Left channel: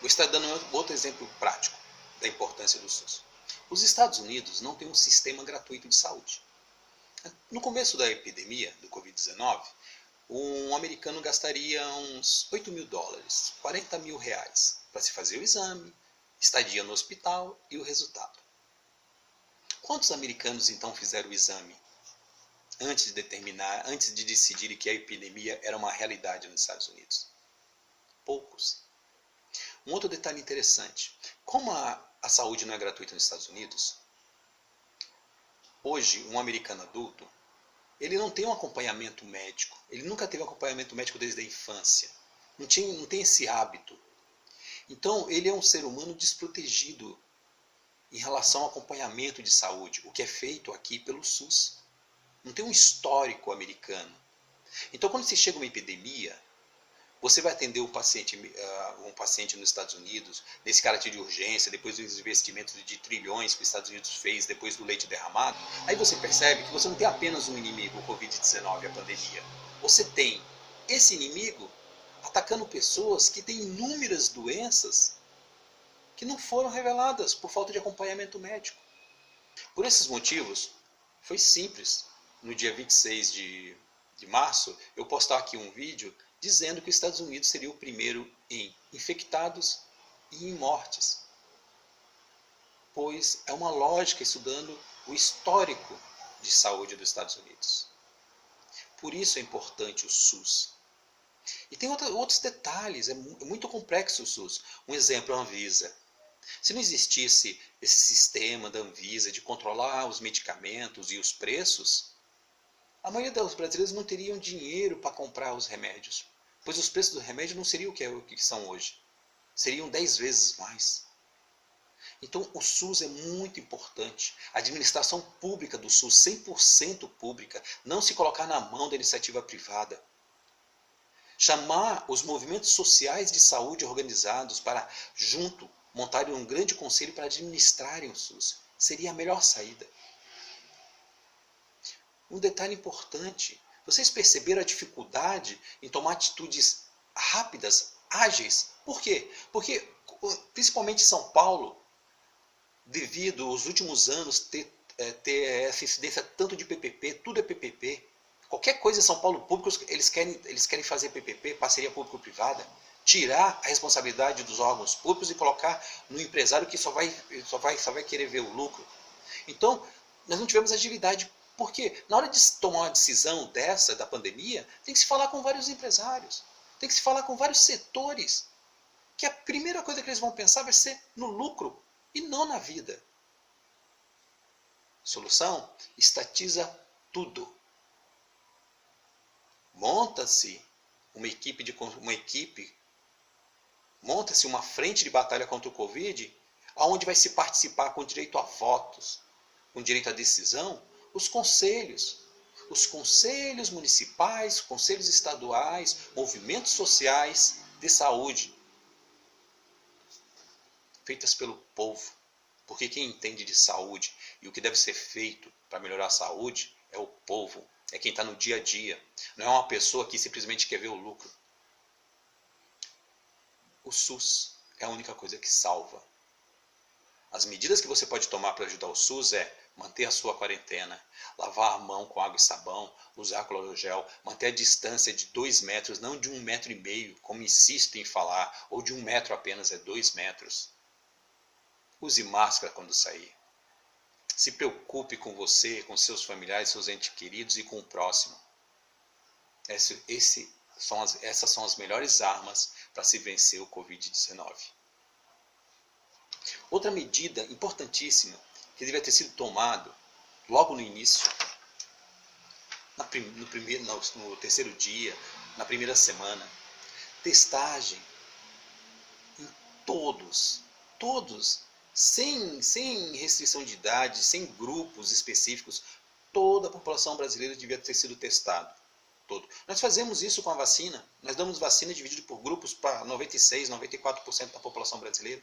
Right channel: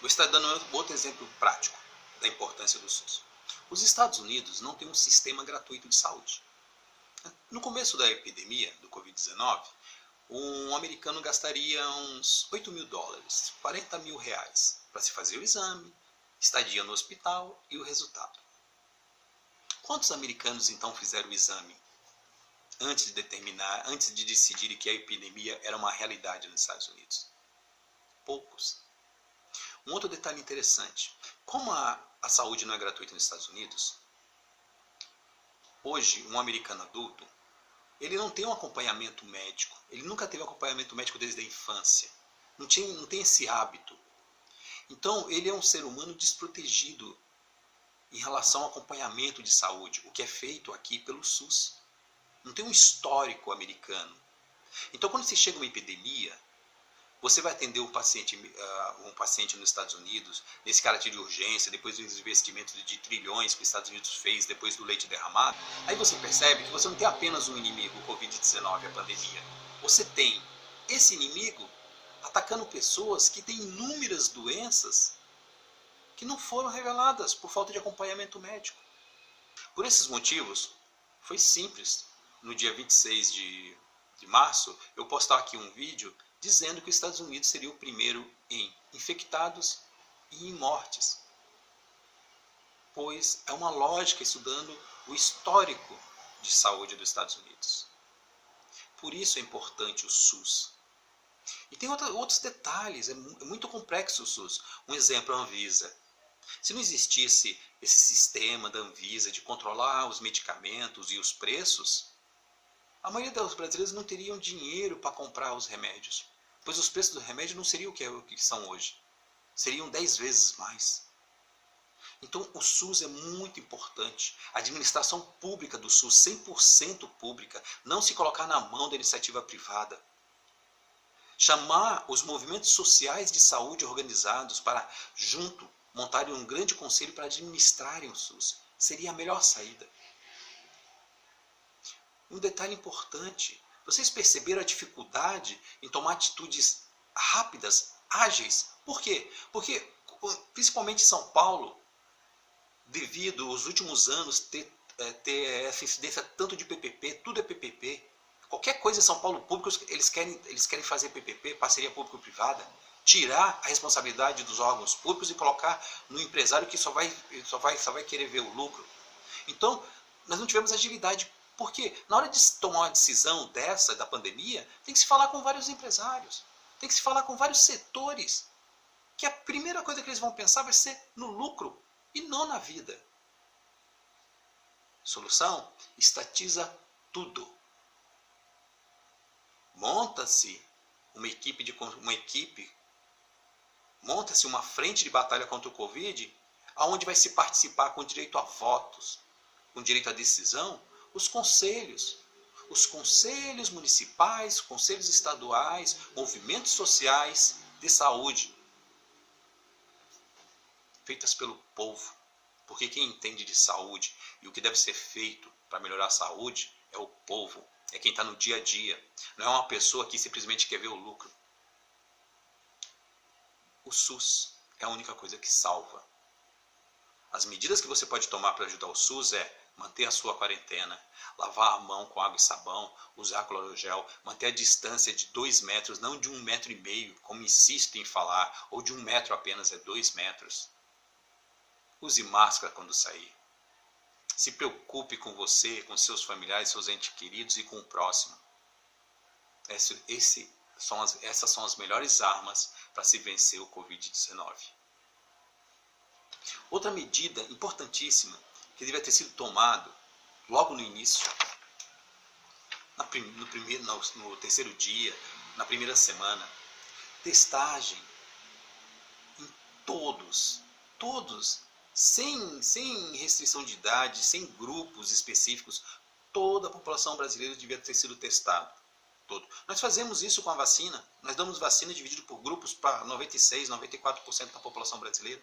Vou estar dando outro exemplo prático da importância do SUS. Os Estados Unidos não têm um sistema gratuito de saúde. No começo da epidemia do Covid-19, um americano gastaria uns $8.000, R$ 40.000, para se fazer o exame, estadia no hospital e o resultado. Quantos americanos então fizeram o exame antes de decidirem que a epidemia era uma realidade nos Estados Unidos? Poucos. Um outro detalhe interessante, como a saúde não é gratuita nos Estados Unidos, hoje um americano adulto, ele não tem um acompanhamento médico, ele nunca teve um acompanhamento médico desde a infância, não tem esse hábito. Então ele é um ser humano desprotegido em relação ao acompanhamento de saúde, o que é feito aqui pelo SUS. Não tem um histórico americano. Então quando se chega uma epidemia, você vai atender um paciente nos Estados Unidos, nesse caráter de urgência, depois dos investimentos de trilhões que os Estados Unidos fez, depois do leite derramado, aí você percebe que você não tem apenas um inimigo, o Covid-19, a pandemia. Você tem esse inimigo atacando pessoas que têm inúmeras doenças que não foram reveladas por falta de acompanhamento médico. Por esses motivos, foi simples, no dia 26 de março, eu postar aqui um vídeo dizendo que os Estados Unidos seria o primeiro em infectados e em mortes. Pois é uma lógica estudando o histórico de saúde dos Estados Unidos. Por isso é importante o SUS. E tem outros detalhes, é muito complexo o SUS. Um exemplo é a Anvisa. Se não existisse esse sistema da Anvisa de controlar os medicamentos e os preços, a maioria dos brasileiros não teriam dinheiro para comprar os remédios, pois os preços do remédio não seriam o que são hoje. Seriam 10 vezes mais. Então o SUS é muito importante. A administração pública do SUS, 100% pública, não se colocar na mão da iniciativa privada. Chamar os movimentos sociais de saúde organizados para, junto, montarem um grande conselho para administrarem o SUS. Seria a melhor saída. Um detalhe importante, vocês perceberam a dificuldade em tomar atitudes rápidas, ágeis? Por quê? Porque, principalmente em São Paulo, devido aos últimos anos ter essa incidência tanto de PPP, tudo é PPP. Qualquer coisa em São Paulo público, eles querem fazer PPP, parceria público-privada, tirar a responsabilidade dos órgãos públicos e colocar no empresário que só vai querer ver o lucro. Então, nós não tivemos agilidade. Porque na hora de tomar uma decisão dessa, da pandemia, tem que se falar com vários empresários, tem que se falar com vários setores, que a primeira coisa que eles vão pensar vai ser no lucro e não na vida. Solução? Estatiza tudo. Monta-se monta-se uma frente de batalha contra o Covid, onde vai se participar com direito a votos, com direito à decisão, os conselhos municipais, conselhos estaduais, movimentos sociais de saúde, feitas pelo povo. Porque quem entende de saúde e o que deve ser feito para melhorar a saúde é o povo, é quem está no dia a dia, não é uma pessoa que simplesmente quer ver o lucro. O SUS é a única coisa que salva. As medidas que você pode tomar para ajudar o SUS é manter a sua quarentena, lavar a mão com água e sabão, usar clorogel, manter a distância de 2 metros, não de 1,5 metro, como insistem em falar, ou de 1 metro apenas, é 2 metros. Use máscara quando sair. Se preocupe com você, com seus familiares, seus entes queridos e com o próximo. Essas são as melhores armas para se vencer o Covid-19. Outra medida importantíssima que devia ter sido tomado logo no início, no terceiro dia, na primeira semana, testagem em todos, sem restrição de idade, sem grupos específicos, toda a população brasileira devia ter sido testada. Nós fazemos isso com a vacina, nós damos vacina dividido por grupos para 96%, 94% da população brasileira.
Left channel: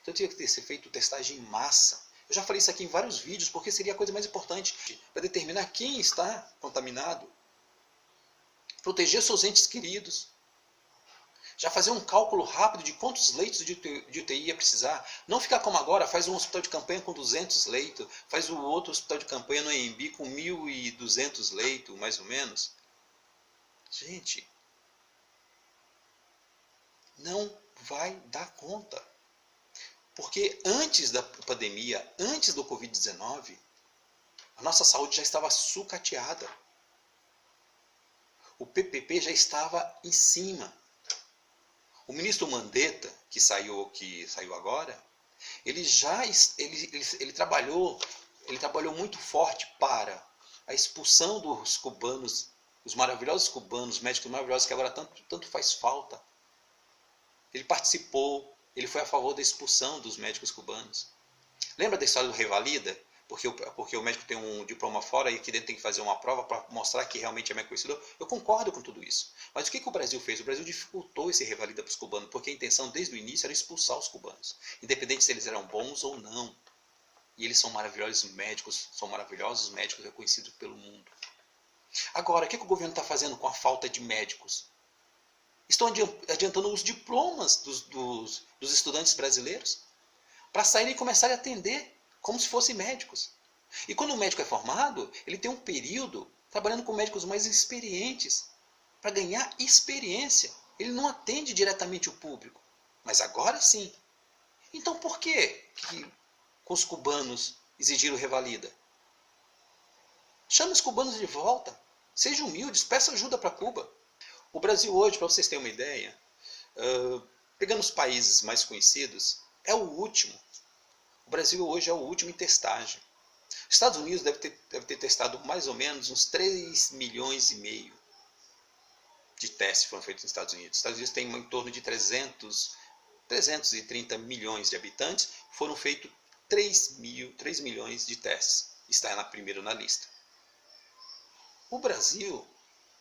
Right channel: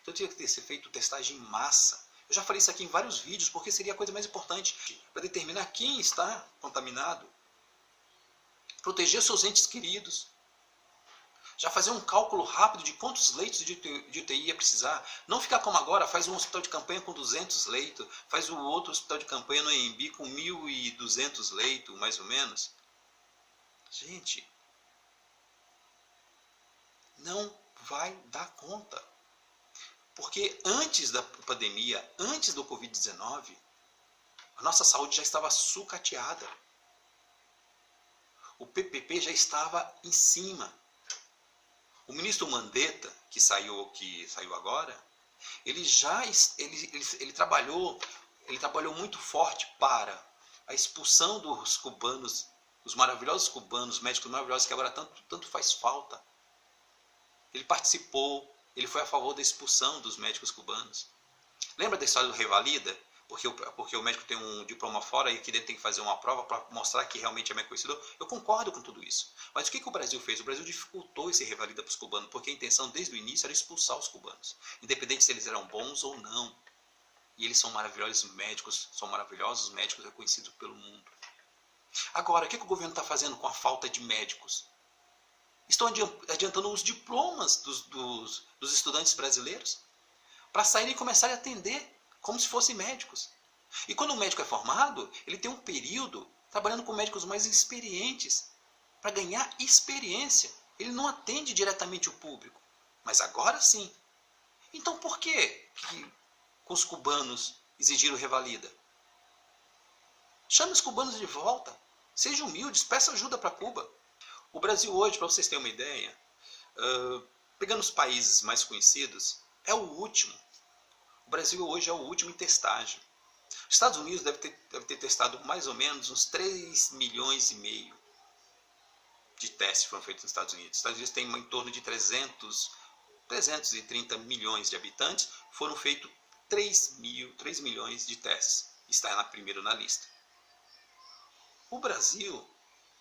Então tinha que ter feito testagem em massa. Eu já falei isso aqui em vários vídeos, porque seria a coisa mais importante para determinar quem está contaminado. Proteger seus entes queridos. Já fazer um cálculo rápido de quantos leitos de UTI ia precisar. Não ficar como agora, faz um hospital de campanha com 200 leitos, faz o outro hospital de campanha no AMB com 1.200 leitos, mais ou menos. Gente, não vai dar conta. Porque antes da pandemia, antes do Covid-19, a nossa saúde já estava sucateada. O PPP já estava em cima. O ministro Mandetta, que saiu agora, ele trabalhou muito forte para a expulsão dos cubanos, os maravilhosos cubanos, médicos maravilhosos que agora tanto faz falta. Ele participou, ele foi a favor da expulsão dos médicos cubanos. Lembra da história do Revalida? Porque o médico tem um diploma fora e aqui dentro tem que fazer uma prova para mostrar que realmente é merecedor. Eu concordo com tudo isso. Mas o que o Brasil fez? O Brasil dificultou esse Revalida para os cubanos, porque a intenção desde o início era expulsar os cubanos, independente se eles eram bons ou não. E eles são maravilhosos médicos reconhecidos pelo mundo. Agora, o que o governo está fazendo com a falta de médicos? Estão adiantando os diplomas dos estudantes brasileiros para saírem e começarem a atender como se fossem médicos. E quando o médico é formado, ele tem um período trabalhando com médicos mais experientes, para ganhar experiência. Ele não atende diretamente o público, mas agora sim. Então por que com os cubanos exigiram revalida? Chame os cubanos de volta, sejam humildes, peça ajuda para Cuba. O Brasil hoje, para vocês terem uma ideia, pegando os países mais conhecidos, é o último. O Brasil hoje é o último em testagem. Os Estados Unidos deve ter testado mais ou menos uns 3,5 milhões de testes que foram feitos nos Estados Unidos. Os Estados Unidos têm em torno de 330 milhões de habitantes, foram feitos 3 milhões de testes. Está primeiro na lista. O Brasil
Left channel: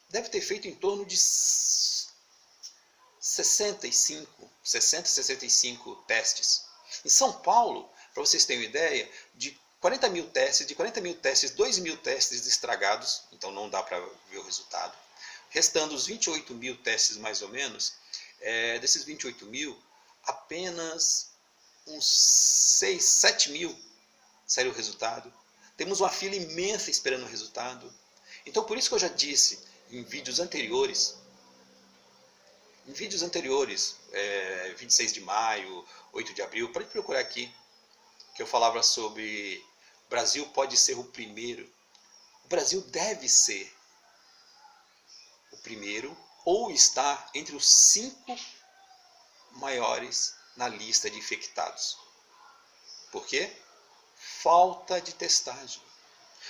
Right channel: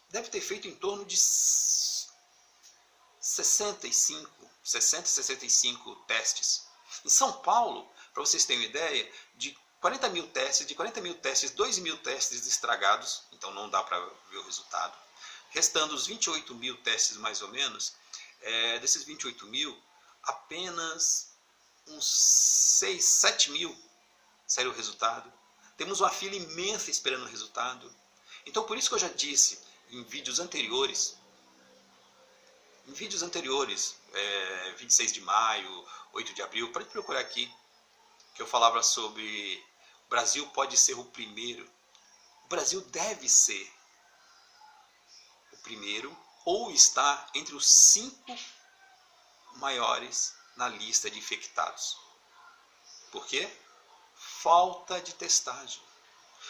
deve ter feito em torno de 65 testes. Em São Paulo, para vocês terem uma ideia, de 40 mil testes, 2 mil testes estragados, então não dá para ver o resultado. Restando os 28 mil testes mais ou menos, desses 28 mil, apenas uns 6, 7 mil saiu o resultado. Temos uma fila imensa esperando o resultado. Então por isso que eu já disse em vídeos anteriores, 26 de maio, 8 de abril, pode procurar aqui, que eu falava sobre o Brasil pode ser o primeiro. O Brasil deve ser o primeiro ou estar entre os 5 maiores na lista de infectados. Por quê? Falta de testagem.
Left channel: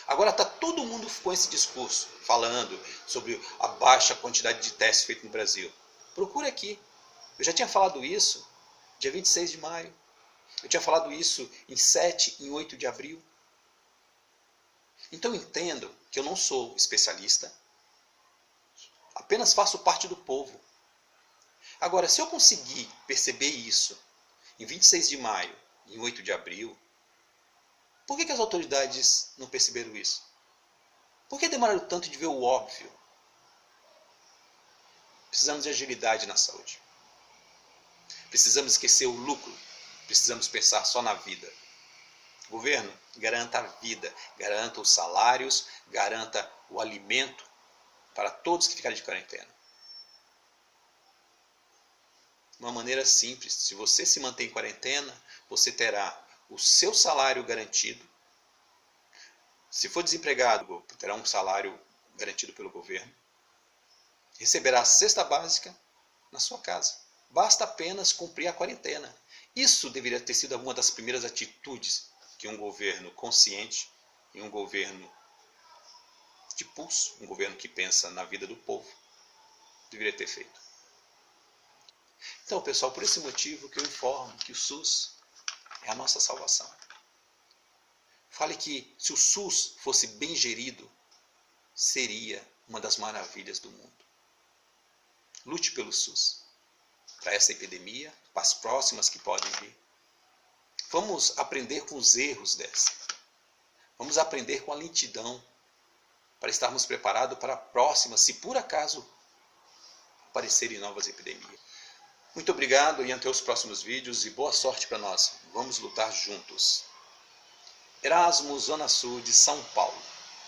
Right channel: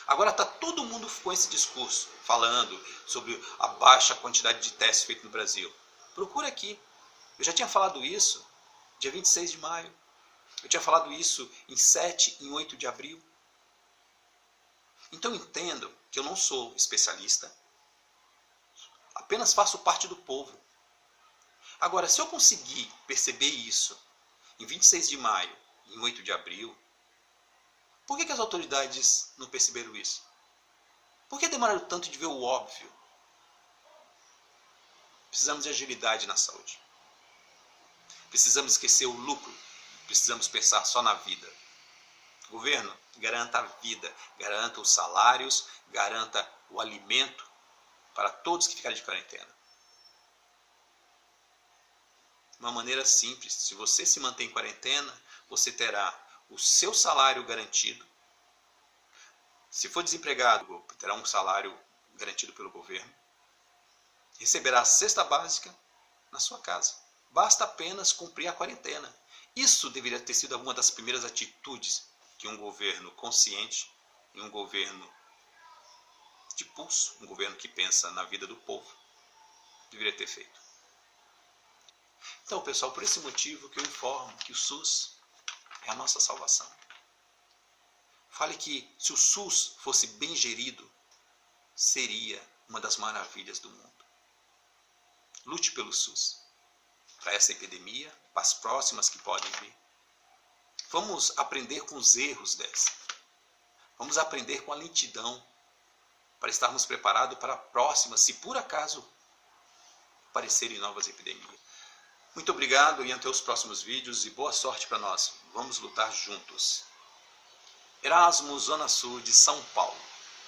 Agora está todo mundo com esse discurso, falando sobre a baixa quantidade de testes feitos no Brasil. Procura aqui. Eu já tinha falado isso dia 26 de maio. Eu tinha falado isso em 7 e 8 de abril. Então entendam que eu não sou especialista, apenas faço parte do povo. Agora, se eu conseguir perceber isso em 26 de maio e em 8 de abril, por que as autoridades não perceberam isso? Por que demoraram tanto de ver o óbvio? Precisamos de agilidade na saúde. Precisamos esquecer o lucro. Precisamos pensar só na vida. Governo, garanta a vida, garanta os salários, garanta o alimento para todos que ficarem de quarentena. Uma maneira simples, se você se mantém em quarentena, você terá o seu salário garantido. Se for desempregado, terá um salário garantido pelo governo. Receberá a cesta básica na sua casa. Basta apenas cumprir a quarentena. Isso deveria ter sido uma das primeiras atitudes que um governo consciente e um governo de pulso, um governo que pensa na vida do povo, deveria ter feito. Então, pessoal, por esse motivo que eu informo que o SUS é a nossa salvação. Fale que se o SUS fosse bem gerido, seria uma das maravilhas do mundo. Lute pelo SUS, para essa epidemia, para as próximas que podem vir. Vamos aprender com os erros dessa. Vamos aprender com a lentidão, para estarmos preparados para a próxima, se por acaso aparecerem novas epidemias. Muito obrigado e até os próximos vídeos e boa sorte para nós. Vamos lutar juntos. Erasmo, Zona Sul de São Paulo.